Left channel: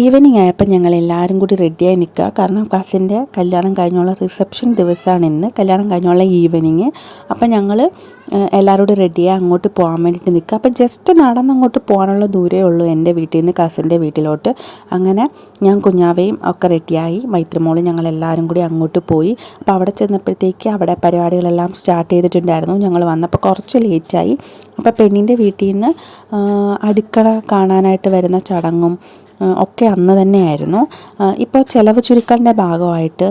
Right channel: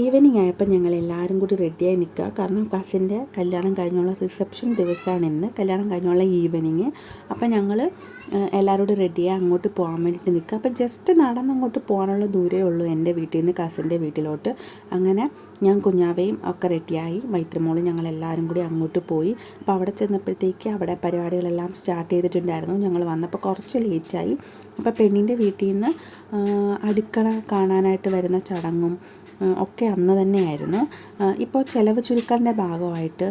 Evening ആയപ്പോൾ ഞങ്ങൾ എല്ലാവരും കൂടി റെഡിയായി നിൽക്കുക. കാരണം കസിൻ്റെ കല്യാണം കഴിഞ്ഞുള്ള റിസപ്ഷൻ ദിവസമാണ് ഇന്ന്, കല്യാണം കഴിഞ്ഞുള്ള ഈവനിങ്. അപ്പം ഞങ്ങൾ എല്ലാവരും കൂടി റെഡിയായി അങ്ങോട്ട് പോകാൻ വേണ്ടിയിട്ട് നിൽക്കുക. അപ്പം ജസ്റ്റ് നടന്നങ്ങോട്ട് പോകാനുള്ള ദൂരമേ ഉള്ളൂ എൻ്റെ വീട്ടിൽ നിന്ന് കസിൻ്റെ വീട്ടിലോട്ട്. അങ്ങനെ ഞാൻ കുഞ്ഞാവയും ഒക്കെ റെഡിയായി, മൈത്രിമോളും ഞങ്ങളെല്ലാവരും കൂടി അങ്ങോട്ട് പോയി. അപ്പോൾ അവിടെ ചെന്നപ്പോഴത്തേക്ക് അവിടെ പരിപാടികളെല്ലാം സ്റ്റാർട്ട് ചെയ്തിട്ടുണ്ടായിരുന്നു. ഞങ്ങൾ വന്നപ്പോൾ കുറച്ച് ലേറ്റായി. അപ്പോൾ പെണ്ണിൻ്റെ വീട്ടിൽ നിന്ന് അടുക്കള കാണാനായിട്ട് വരുന്ന ചടങ്ങും ഒക്കെ അന്ന് തന്നെയായിരുന്നു. ഇപ്പോൾ ചിലവ് ചുരുക്കലിൻ്റെ ഭാഗമായിട്ട്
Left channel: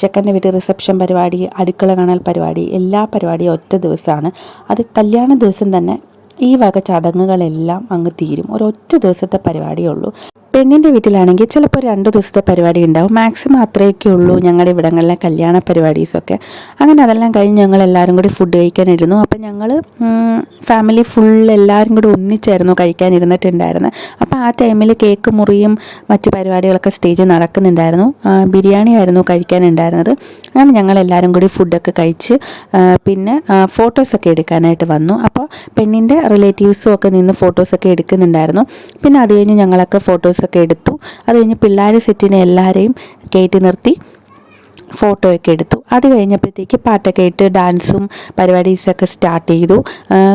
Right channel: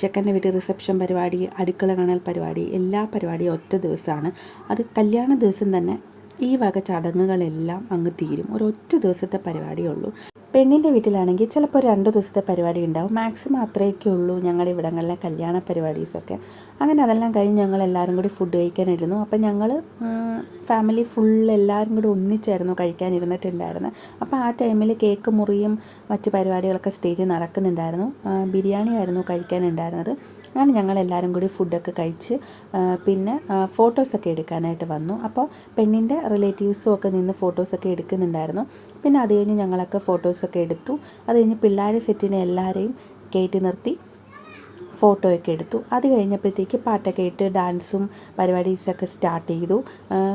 ചെക്കൻ്റെ വീട്ടിൽ റിസപ്ഷൻ പരിപാടി, അടുക്കള കാണൽ പരിപാടി, എല്ലാ പരിപാടിയും ഒറ്റ ദിവസമാണ്. അത് കല്യാണ ദിവസം തന്നെ ഈ വക ചടങ്ങുകളെല്ലാം അങ്ങ് തീരും. ഒരൊറ്റ ദിവസത്തെ പരിപാടിയേ ഉള്ളൂ. പെണ്ണിൻ്റെ വീട്ടിലാണെങ്കിൽ ചിലപ്പോൾ 2 ദിവസത്തെ പരിപാടി ഉണ്ടാവും. മാക്സിമം അത്രയൊക്കെ ഉള്ളൂ ഞങ്ങളുടെ ഇവിടങ്ങളിലെ കല്യാണ പരിപാടീസൊക്കെ. അങ്ങനെ അതെല്ലാം കഴിഞ്ഞ് ഞങ്ങൾ എല്ലാവരും കൂടി ഫുഡ് കഴിക്കാനിരുന്നു. അപ്പം ഞങ്ങൾ ഫാമിലി ഫുൾ എല്ലാവരും കൂടി ഒന്നിച്ചായിരുന്നു കഴിക്കാനിരുന്നിട്ടുണ്ടായിരുന്നത്. അപ്പോൾ ആ ടൈമിൽ കേക്ക് മുറിയും മറ്റ് പരിപാടികളൊക്കെ സ്റ്റേജിൽ നടക്കുന്നുണ്ടായിരുന്നു. ബിരിയാണി ആയിരുന്നു കഴിക്കാനുണ്ടായിരുന്നത്. അങ്ങനെ ഞങ്ങളെല്ലാവരും കൂടി ഫുഡൊക്കെ കഴിച്ച് പിന്നെ ഫോട്ടോസൊക്കെ എടുക്കാനായിട്ട് വന്നു. അപ്പോൾ പെണ്ണിൻ്റെ റിലേറ്റീവ്സും ഒക്കെ നിന്ന് ഫോട്ടോസൊക്കെ എടുക്കുന്നുണ്ടായിരുന്നു. പിന്നെ അത് കഴിഞ്ഞ് ഞങ്ങളൊക്കെ ഫോട്ടോസൊക്കെ എടുത്തു. അത് കഴിഞ്ഞ് പിള്ളേർ സെറ്റിനെ എല്ലാവരെയും കയറ്റി നിർത്തി ഫോട്ടോയൊക്കെ എടുത്തു. അത് കഴിഞ്ഞപ്പോഴത്തേക്ക് പാട്ടൊക്കെ ഇട്ട് ഡാൻസും പരിപാടീസൊക്കെ സ്റ്റാർട്ട് ചെയ്തു.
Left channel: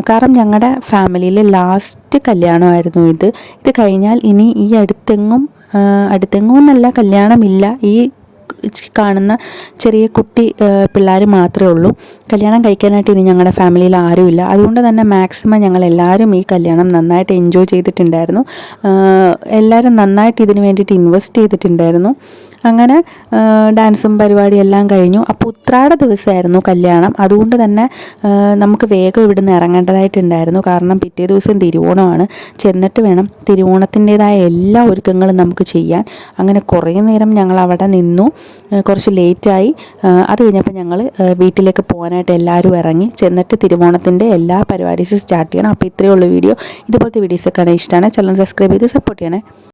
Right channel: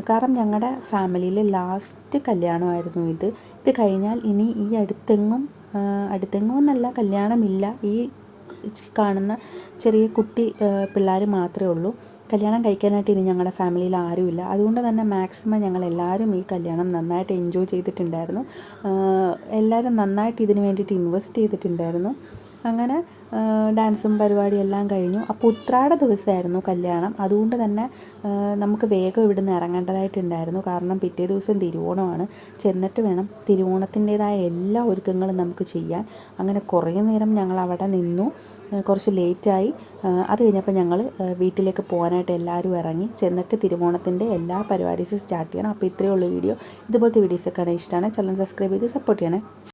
കാരണം ഞങ്ങളുടെ ഫാമിലിയിൽ ലാസ്റ്റ് കല്യാണമായിരുന്നു ഇത്. ഇത് കഴിഞ്ഞാൽ ഇനി ഈ അടുത്തെങ്ങും എന്നല്ല കല്യാണമില്ല. ഈ കാണുന്ന ചെറിയ കുട്ടി പിള്ളേർ മാത്രമേ ഉള്ളൂ. കല്യാണം കഴിക്കാനായിട്ട് ഇനി ഞങ്ങളുടെ ഫാമിലിയിൽ ആരുമില്ല. അതുകൊണ്ട് തന്നെ മാക്സിമം ഞങ്ങളെല്ലാവരും ഈ കല്യാണം നന്നായിട്ട് എൻജോയ് ചെയ്തിട്ടുണ്ടായിരുന്നു. എല്ലാവരും നന്നായിട്ട് ഇതിന് വേണ്ടിയിട്ട് ഇൻവെസ്റ്റ് ചെയ്തിട്ടുണ്ടായിരുന്നു. അങ്ങനെ ഡാൻസും പരിപാടിയെല്ലാം കഴിഞ്ഞു. അപ്പോൾ ഉത്രാട ദിവസമായിരുന്നു കല്യാണം. അതുകൊണ്ട് തന്നെ നമുക്ക് വേഗം ഇവിടുന്ന് ഇറങ്ങേണ്ടതായിട്ടുണ്ടായിരുന്നു. കാരണം പിറ്റേ ദിവസം തിരുവോണമാണ്. ചെന്നിട്ട് വേണം തിരുവോണത്തിൻ്റേതായ എല്ലാ ഒരുക്കങ്ങളും നമുക്ക് ചെയ്യാൻ. അങ്ങനെ കുറേ നേരം ഞങ്ങൾ അവിടെ നിന്നു. കുറച്ച് ലേറ്റായി. അത് കഴിഞ്ഞപ്പോൾ ഞങ്ങൾ വീട്ടിലേക്ക് പോകാനായിട്ട് എല്ലാവരും ഇറങ്ങി. ചെന്നിട്ട് തിരുവോണത്തിൻ്റെ എല്ലാ പരിപാടീസും സ്റ്റാർട്ട് ചെയ്യണം. അപ്പോൾ ഇത്രയേ ഉള്ളൂ വീഡിയോ. ഇതുപോലത്തെ വീഡിയോസൊക്കെ ഇഷ്ടമാണ്. ചാനൽ സബ്സ്ക്രൈബ് ചെയ്ത് സപ്പോർട്ട് ചെയ്യണേ.